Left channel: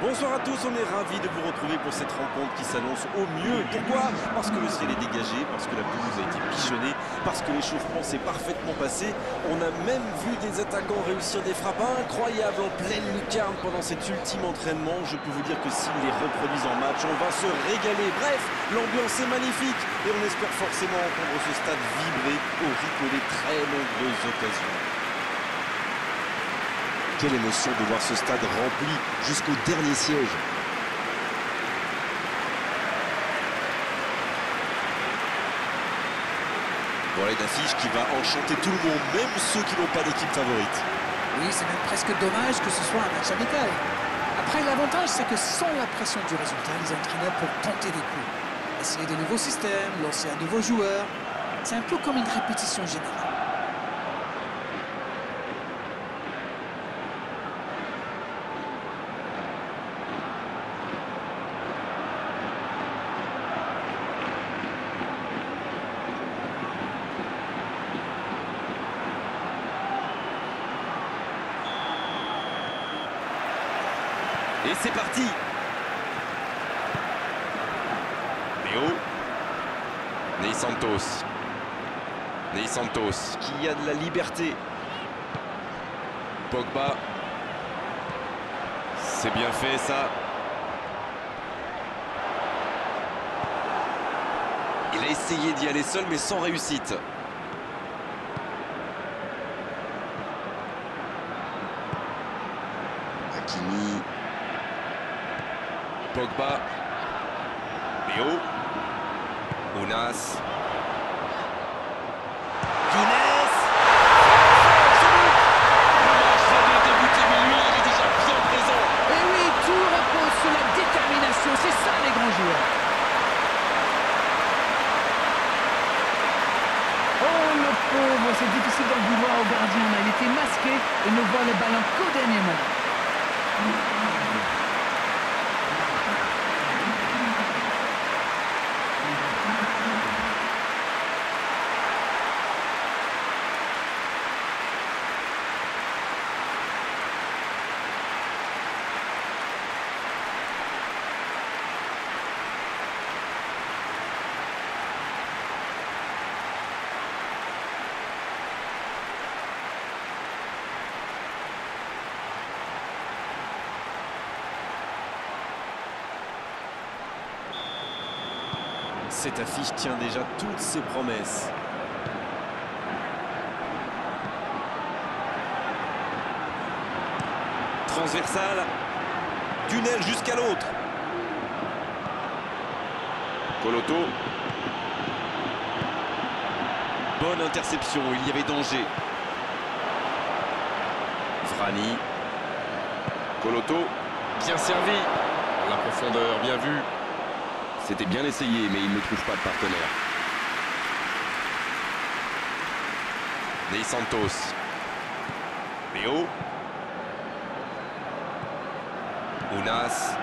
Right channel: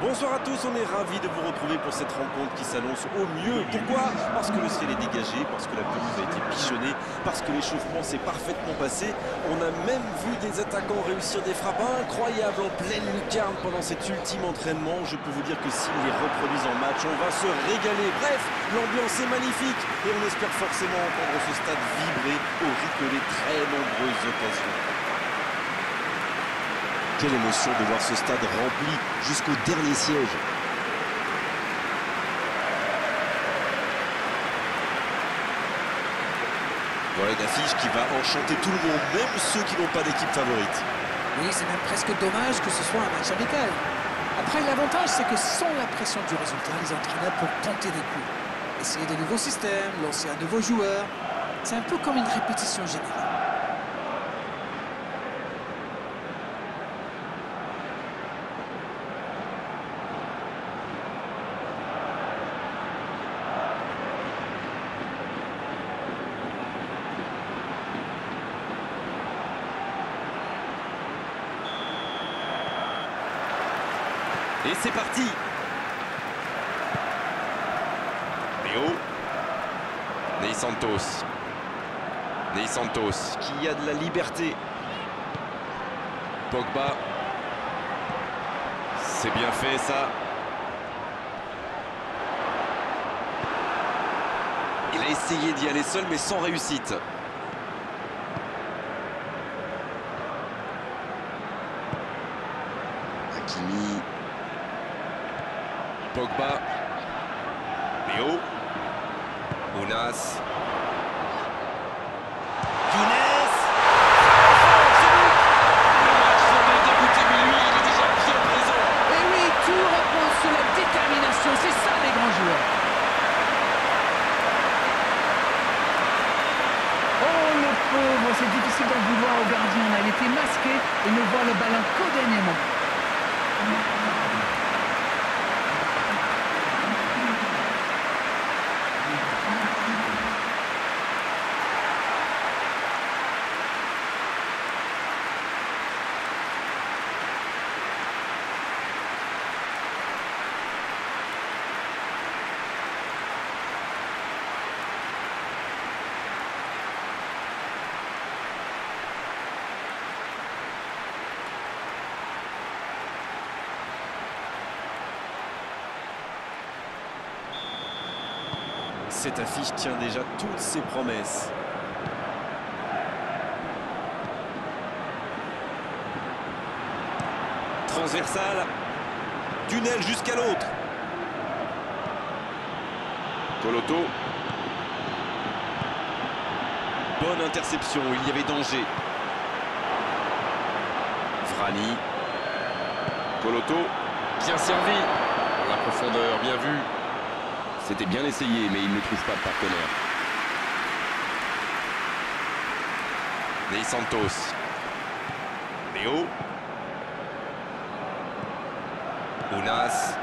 Bonsoir à tous, on est ravis de vous retrouver pour cette rencontre qui s'annonce au mieux. Pourquoi? Parce que le ciel est dégagé, parce que la pelouse a été bichonnée, parce que l'échauffement s'est parfaitement passé. On a même vu des attaquants réussir des frappes incroyables en pleine lucarne pendant cet ultime entraînement. Je peux vous dire que s'ils les reproduisent en match, on va se régaler. Bref, l'ambiance est magnifique et on espère forcément entendre ce stade vibrer au rythme des très nombreuses occasions. Quelle émotion de voir ce stade rempli jusqu'au dernier siège. Voilà une affiche qui va enchanter tout le monde, même ceux qui n'ont pas d'équipe favorite. Oui, c'est même presque dommage que ce soit un match amical. Après, l'avantage, c'est que sans la pression du résultat, les entraîneurs peuvent tenter des coups. Essayer de nouveaux systèmes, lancer un nouveau joueur. C'est un peu comme une répétition générale. Et c'est parti. Léo. Ney Santos. Ney Santos. Qui a de la liberté. Pogba. C'est bien fait ça. Il a essayé d'y aller seul mais sans réussite. Hakimi. Pogba. Léo. Ounas. Younes. Le match vient de débuter, mais lui, il est déjà bien présent. Et oui, tout repose sur la détermination. C'est ça, les grands joueurs. Oh, le pauvre, c'est difficile d'en vouloir au gardien. Là, il était masqué et ne voit le ballon qu'au dernier moment. Cette affiche tient déjà toutes ses promesses. Transversale. D'une aile jusqu'à l'autre. Coloto. Bonne interception, il y avait danger. Vrani. Coloto. Bien servi. Dans la profondeur, bien vu. C'était bien essayé, mais il ne trouve pas de partenaire. Ney Santos. Léo. Ounas.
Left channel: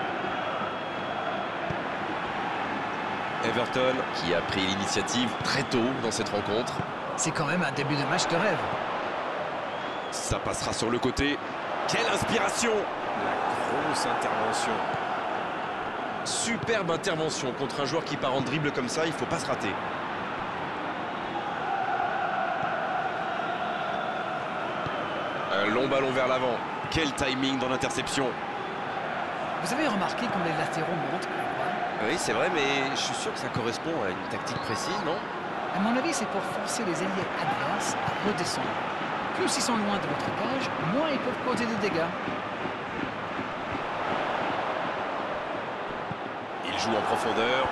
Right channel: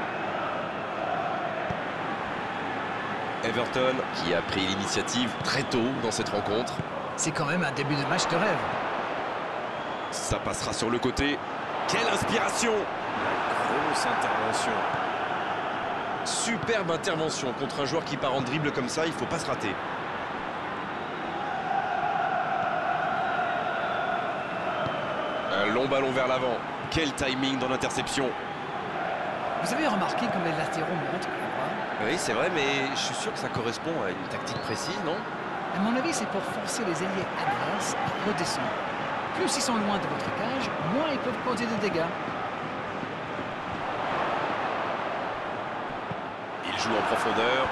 Everton. Qui a pris l'initiative très tôt dans cette rencontre. C'est quand même un début de match de rêve. Ça passera sur le côté. Quelle inspiration! La grosse intervention. Superbe intervention contre un joueur qui part en dribble comme ça, il ne faut pas se rater. Un long ballon vers l'avant. Quel timing dans l'interception. Vous avez remarqué comme les latéraux montent, quoi? Oui, c'est vrai, mais je suis sûr que ça correspond à une tactique précise, non? À mon avis, c'est pour forcer les ailiers adverses à redescendre. Plus ils sont loin de votre cage, moins ils peuvent causer de dégâts. Il joue en profondeur.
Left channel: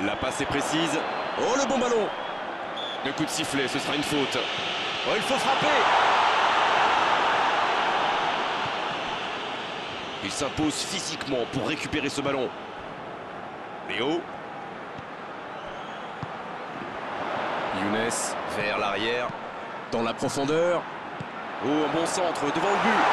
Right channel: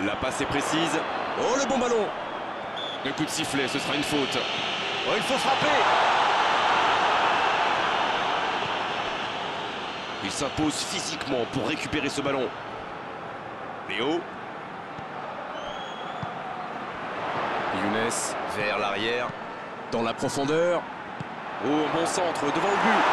La passe est précise. Oh, le bon ballon! Le coup de sifflet, ce sera une faute. Oh, il faut frapper! Il s'impose physiquement pour récupérer ce ballon. Léo. Younes vers l'arrière. Dans la profondeur. Oh, un bon centre devant le but.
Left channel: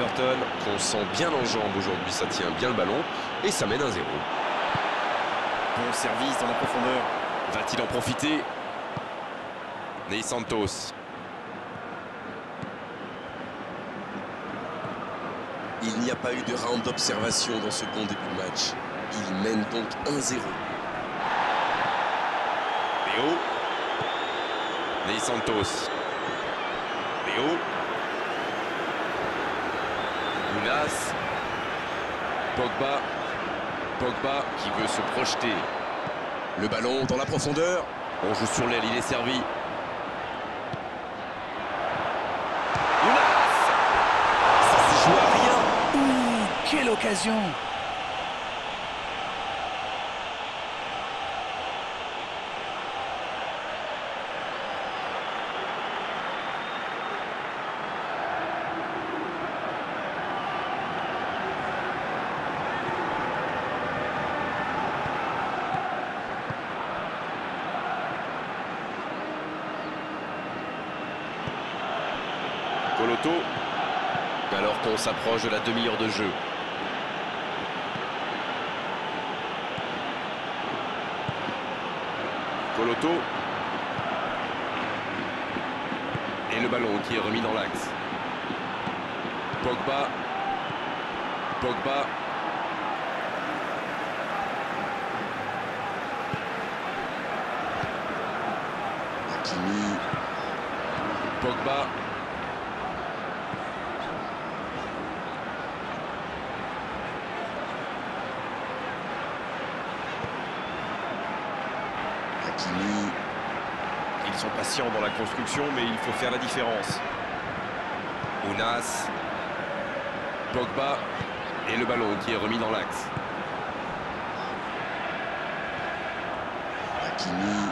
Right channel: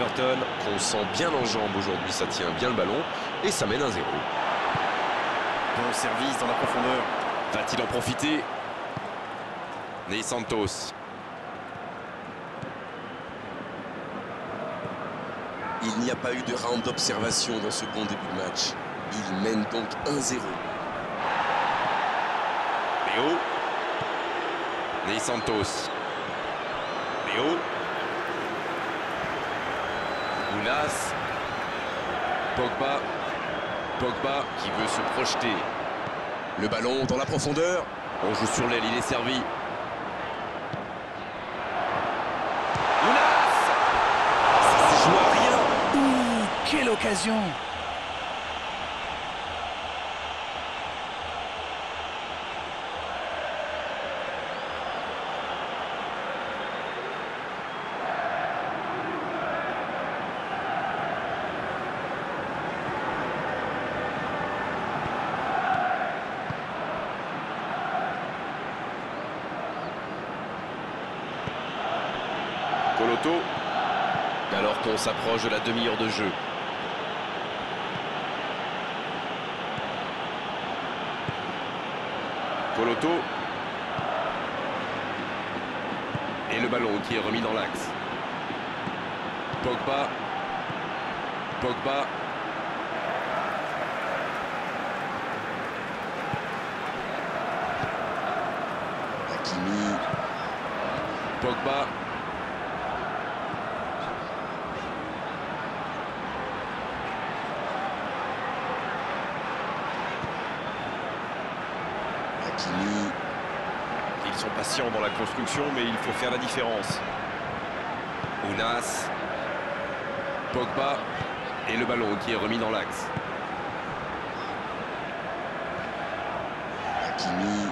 Everton qu'on sent bien en jambes aujourd'hui, ça tient bien le ballon et ça mène 1-0. Bon service dans la profondeur. Va-t-il en profiter? Ney Santos. Il n'y a pas eu de round d'observation dans ce bon début de match. Il mène donc 1-0. Léo. Ney Santos. Léo. Ounas. Pogba. Pogba qui veut se projeter. Le ballon dans la profondeur. On joue sur l'aile, il est servi. Ounas! Ça s'est joué à rien. Ouh, quelle occasion! Coloto. Alors qu'on s'approche de la demi-heure de jeu. Coloto. Et le ballon qui est remis dans l'axe. Pogba. Pogba. Hakimi. Pogba. Hakimi. Ils sont patients dans la construction, mais il faut faire la différence. Ounas. Pogba. Et le ballon qui est remis dans l'axe. Hakimi.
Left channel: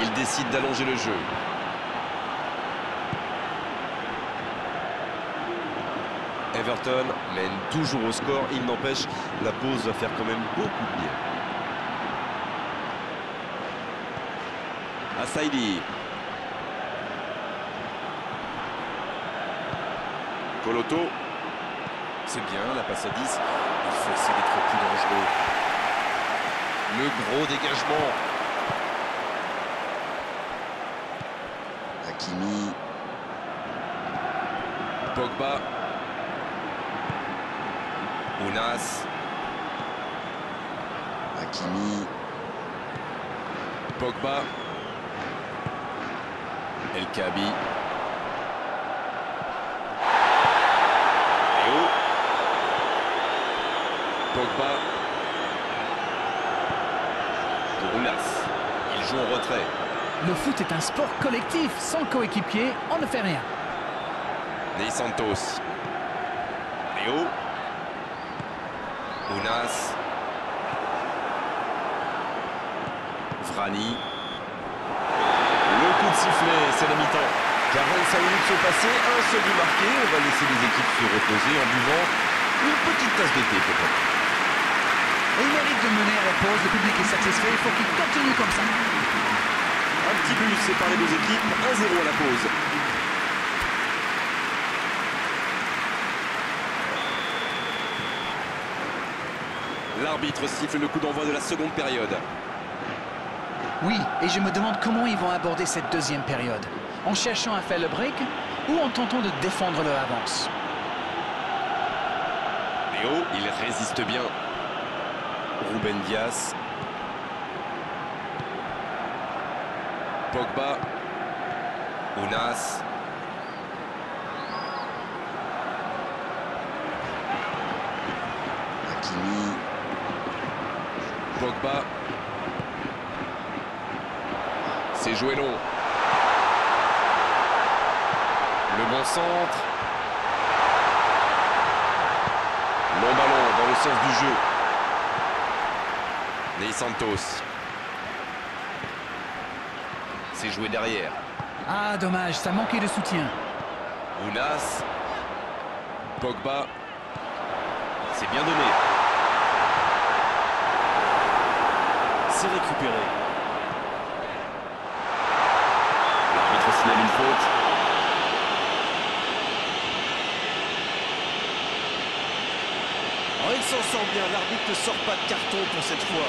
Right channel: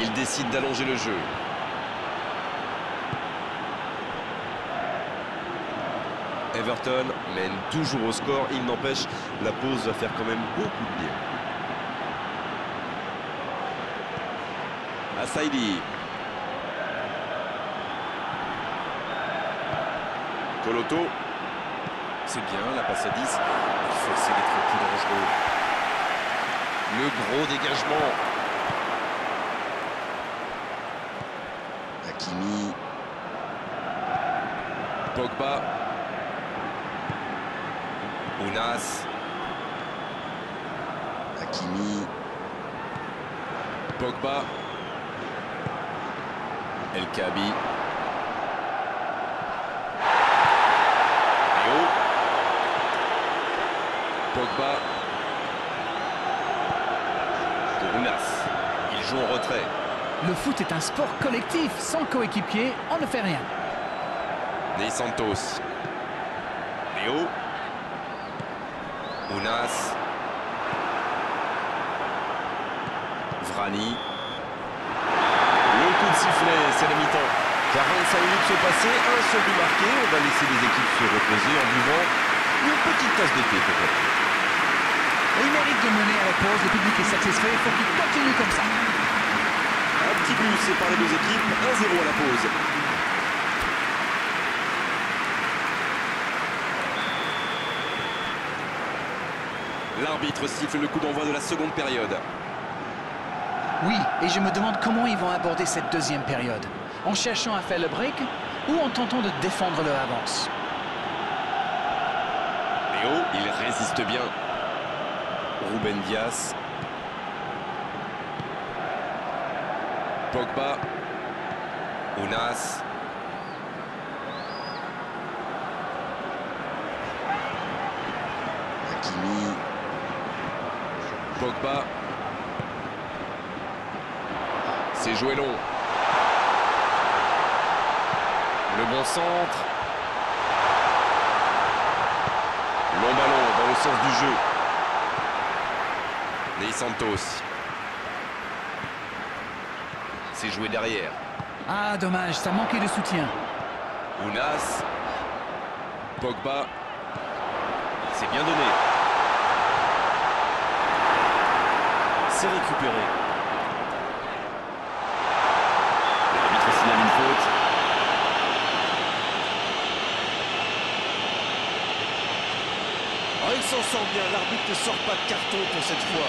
Il décide d'allonger le jeu. Everton mène toujours au score. Il n'empêche, la pause va faire quand même beaucoup de bien. Assaïdi. Coloto. C'est bien, la passe à 10. Il faut essayer d'être plus dangereux. Le gros dégagement. Hakimi. Pogba. Ounas. Hakimi. Pogba. El Kabi. Léo. Pogba. Pour Ounas. Il joue en retrait. Le foot est un sport collectif. Sans coéquipier, on ne fait rien. Ney Santos. Léo. Ounas. Vrani. Le coup de sifflet, c'est la mi-temps. 45 minutes sont passées, un seul but marqué. On va laisser les équipes se reposer en buvant une petite tasse de thé, pourquoi pas. Et il mérite de mener à la pause. Le public est satisfait. Il faut qu'il continue comme ça. Un petit but sépare les deux équipes, 1-0 à la pause. L'arbitre siffle le coup d'envoi de la seconde période. Oui, et je me demande comment ils vont aborder cette deuxième période. En cherchant à faire le break ou en tentant de défendre leur avance. Léo, il résiste bien. Ruben Dias. Pogba. Ounas. Hakimi. Pogba. C'est joué long. Le bon centre. Long ballon dans le sens du jeu. Ney Santos. C'est joué derrière. Ah, dommage, ça manquait de soutien. Ounas. Pogba. C'est bien donné. C'est récupéré. L'arbitre signale une faute. Oh, il s'en sort bien. L'arbitre ne sort pas de carton pour cette fois.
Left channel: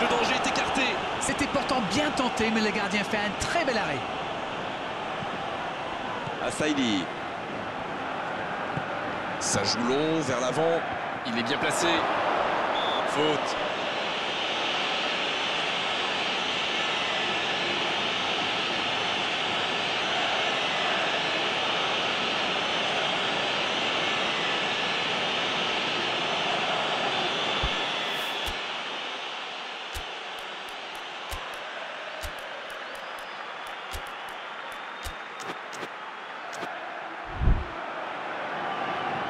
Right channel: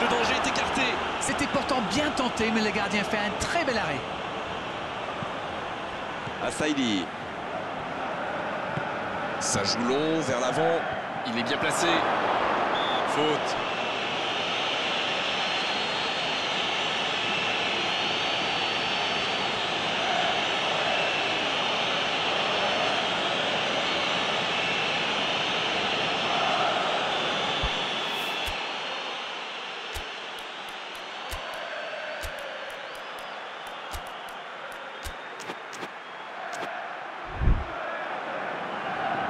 Le danger est écarté. C'était pourtant bien tenté, mais le gardien fait un très bel arrêt. Assaïdi. Ça joue long, vers l'avant. Il est bien placé. Faute.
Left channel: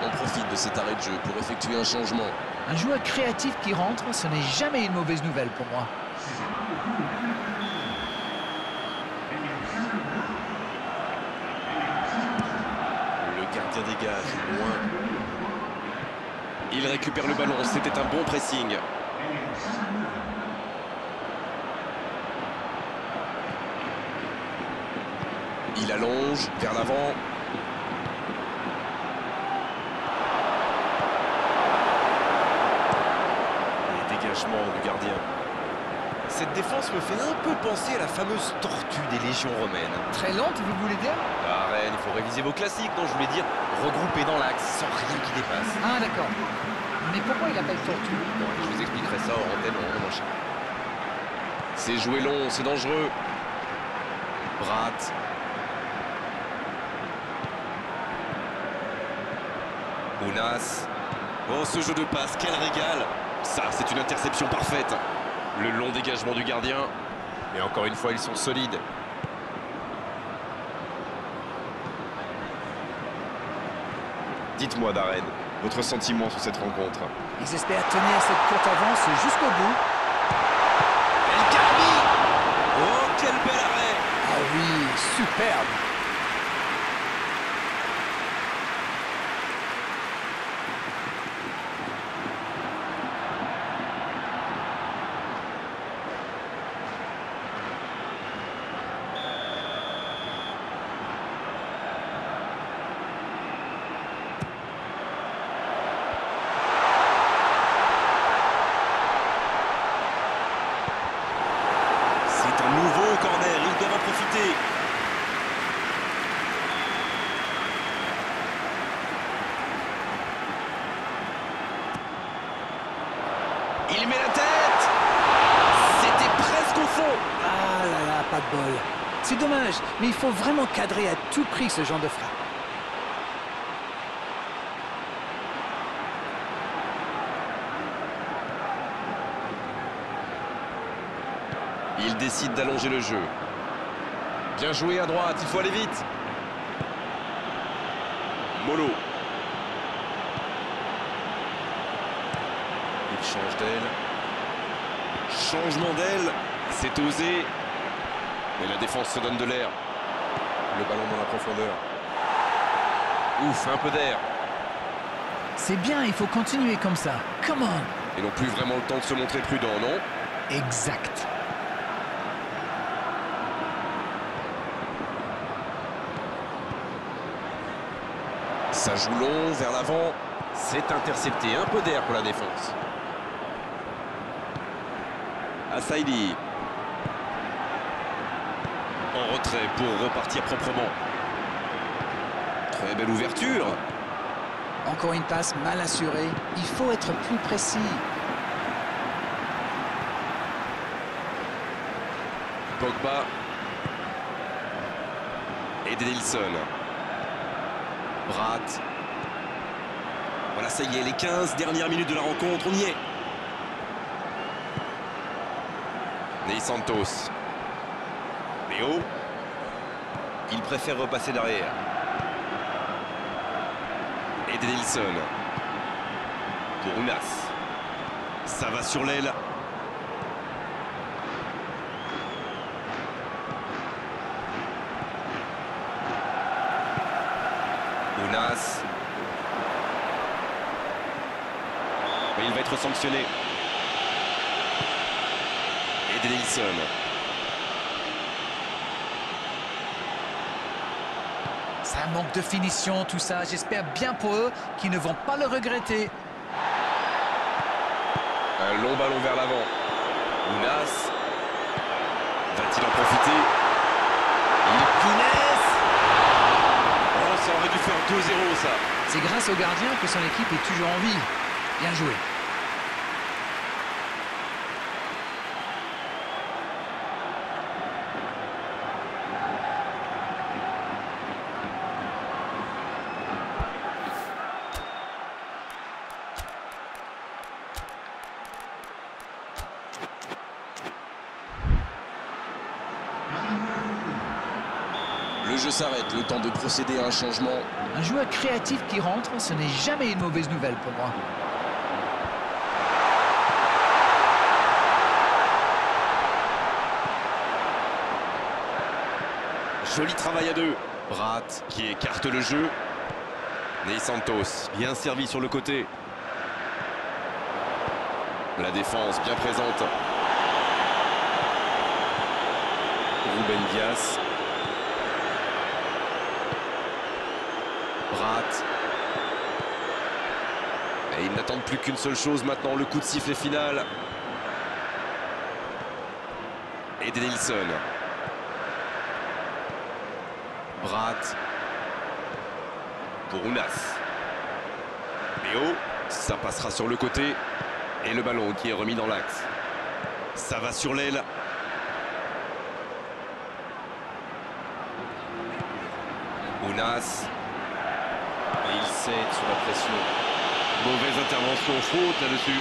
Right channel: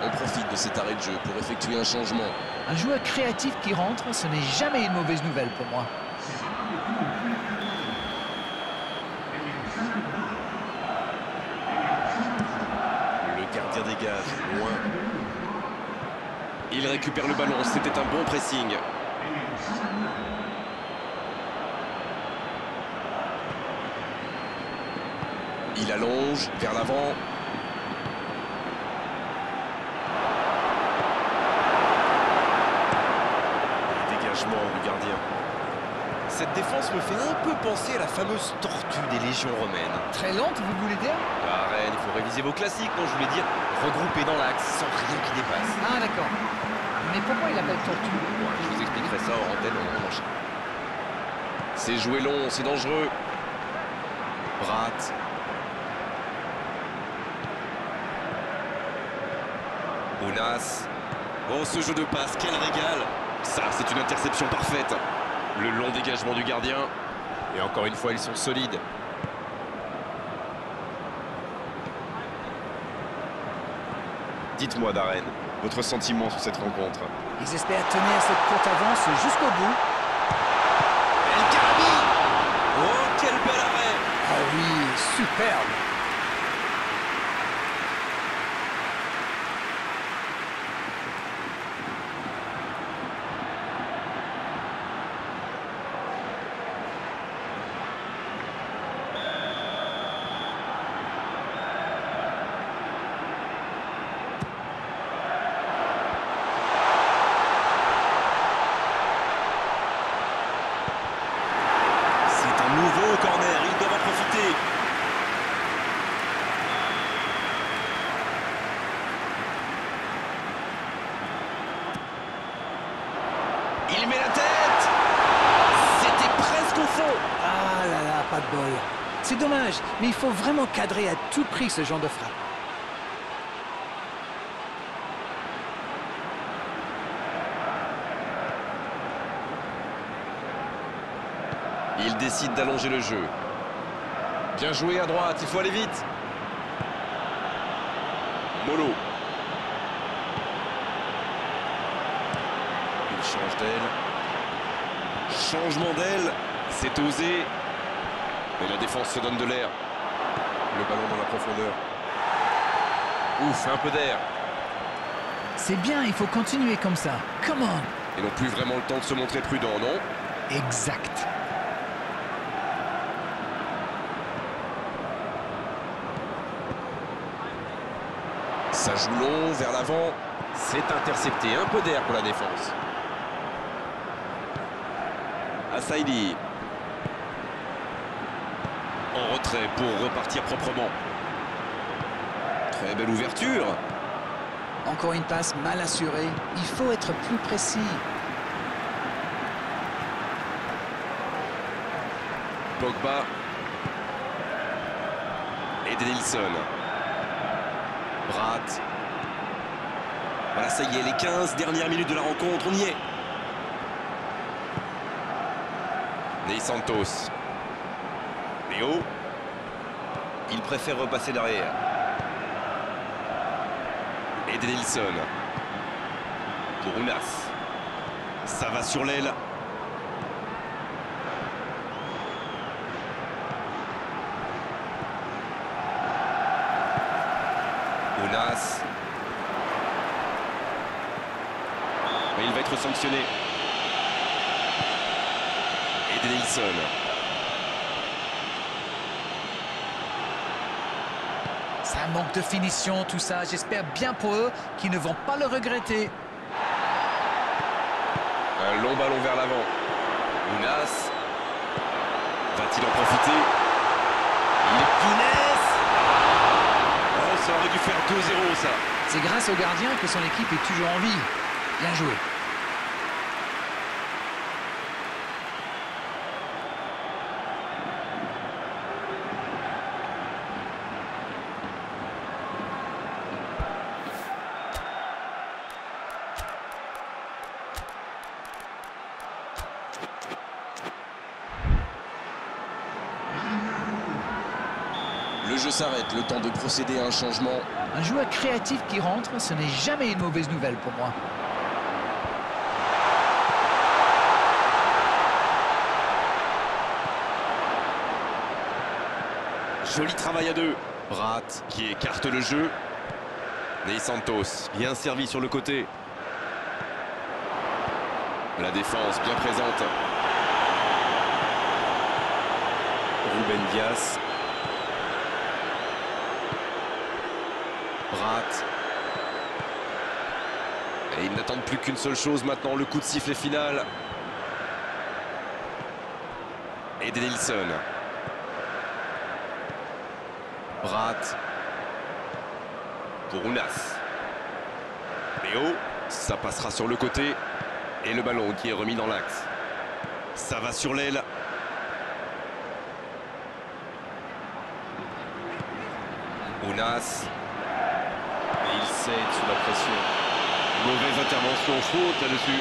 On profite de cet arrêt de jeu pour effectuer un changement. Un joueur créatif qui rentre, ce n'est jamais une mauvaise nouvelle pour moi. Le gardien dégage, loin. Il récupère le ballon. C'était un bon pressing. Il allonge, vers l'avant. Dégagement du gardien. Cette défense me fait un peu penser à la fameuse tortue des légions romaines. Très lente, vous voulez dire? Ah, Rennes, il faut réviser vos classiques. Non, je voulais dire regrouper dans l'axe sans rien qui dépasse. Ah d'accord. Mais pourquoi il appelle tortue? Bon, allez, je vous expliquerai ça hors antenne, on enchaîne. C'est joué long, c'est dangereux. Brat. Ounas. Oh, ce jeu de passe, quel régal! Ça, c'est une interception parfaite. Le long dégagement du gardien. Et encore une fois, ils sont solides. Dites-moi, Darren, votre sentiment sur cette rencontre. Ils espèrent tenir cette courte avance jusqu'au bout. El Karabi! Oh, quel bel arrêt! Ah oui, superbe. C'est un nouveau corner, ils doivent en profiter. Il met la tête! C'était presque au fond. Ah là là, pas de bol. C'est dommage, mais il faut vraiment cadrer à tout prix ce genre de frappe. Il décide d'allonger le jeu. Bien joué à droite, il faut aller vite. Molo. Il change d'aile. Changement d'aile. C'est osé. Mais la défense se donne de l'air. Le ballon dans la profondeur. Ouf, un peu d'air. C'est bien, il faut continuer comme ça. Come on. Ils n'ont plus vraiment le temps de se montrer prudents, non? Exact. Ça joue long, vers l'avant. C'est intercepté, un peu d'air pour la défense. Assaïdi. En retrait pour repartir proprement. Très belle ouverture. Encore une passe mal assurée. Il faut être plus précis. Pogba. Et Denilson. Brat. Voilà, ça y est, les 15 dernières minutes de la rencontre, on y est. Ney Santos. Léo. Il préfère repasser derrière. Edenilson. Pour Ounas. Ça va sur l'aile. Ounas. Mais il va être sanctionné. Edenilson. C'est un manque de finition, tout ça. J'espère bien pour eux qu'ils ne vont pas le regretter. Un long ballon vers l'avant. Ounas. Va-t-il en profiter? Pines. Oh, ça aurait dû faire 2-0 ça. C'est grâce au gardien que son équipe est toujours en vie. Bien joué. Le jeu s'arrête, le temps de procéder à un changement. Un joueur créatif qui rentre, ce n'est jamais une mauvaise nouvelle pour moi. Joli travail à deux. Bratt qui écarte le jeu. Ney Santos, bien servi sur le côté. La défense bien présente. Ruben Dias. Bratt. Et ils n'attendent plus qu'une seule chose maintenant, le coup de sifflet final. Edenilson. Bratt. Pour Ounas. Léo, ça passera sur le côté. Et le ballon qui est remis dans l'axe. Ça va sur l'aile. Ounas. Et il cède sous la pression. Mauvaise intervention, faute là-dessus.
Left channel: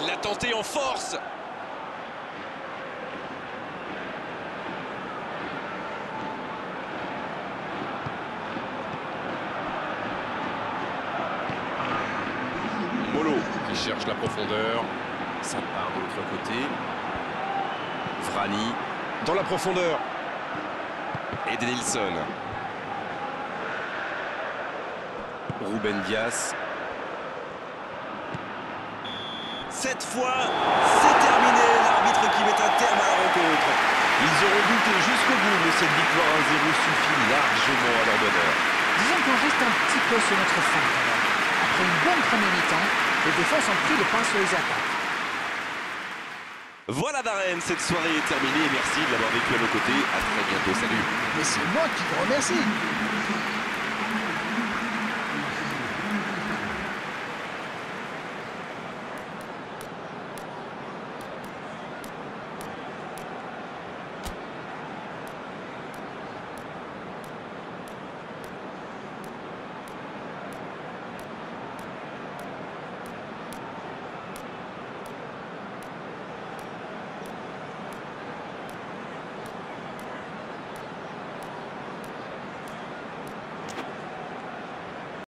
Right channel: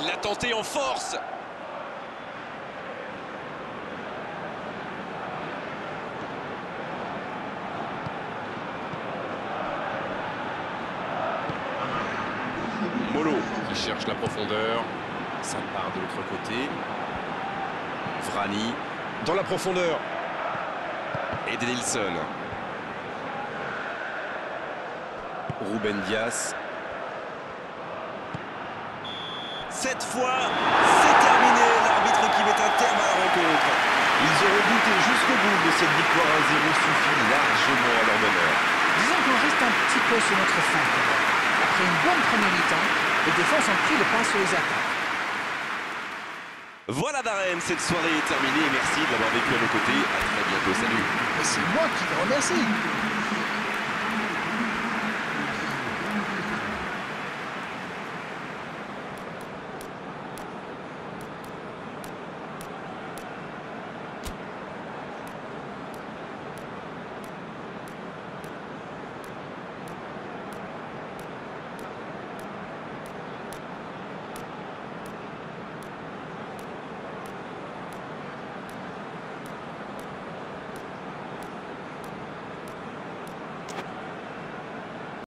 Il l'a tenté en force. Molo qui cherche la profondeur. Ça part de l'autre côté. Vrani. Dans la profondeur. Edenilson. Ruben Dias. Cette fois, c'est terminé. L'arbitre qui met un terme à la rencontre. Ils auront douté jusqu'au bout, mais cette victoire 1-0 suffit largement à leur bonheur. Disons qu'on reste un petit peu sur notre faim quand même. Après une bonne première mi-temps, les défenses ont pris le pas sur les attaques. Voilà Darren, cette soirée est terminée. Merci de l'avoir vécu à nos côtés. À très bientôt, salut. Mais c'est moi qui te remercie.